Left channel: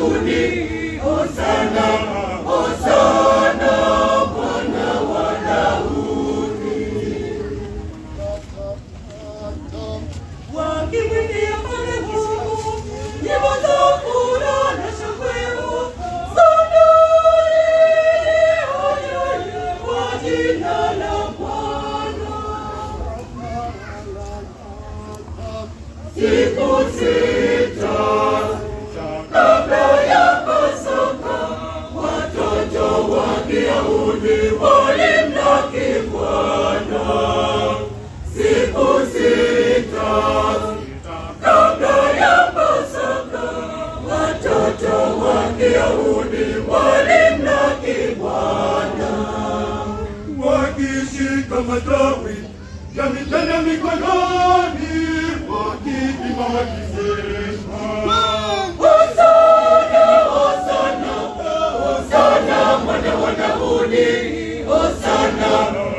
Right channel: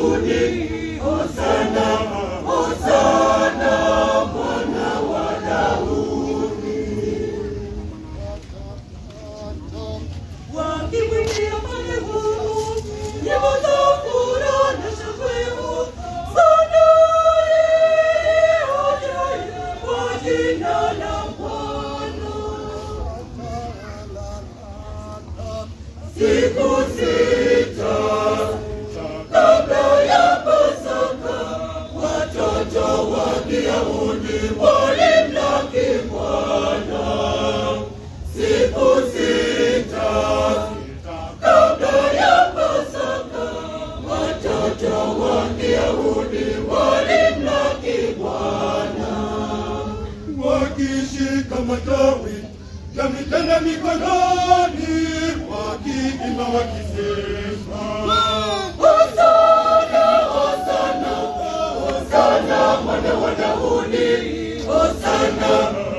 Daudi, Hosana, Hosana mwana wa Daudi. Wakimwimbia Mfalme Mungu nyimbo za furaha na shangwe, Hosana kwa jina la Bwana. Siku sita kabla ya Pasaka, watoto wa Kiyahudi walimlaki Bwana. Siku sita kabla ya Pasaka, watoto wa Kiyahudi walimlaki Bwana, wakishika matawi ya mitende mikononi, wakiimba wakisema, Hosana, Hosana, Hosana mwana wa Daudi, Hosana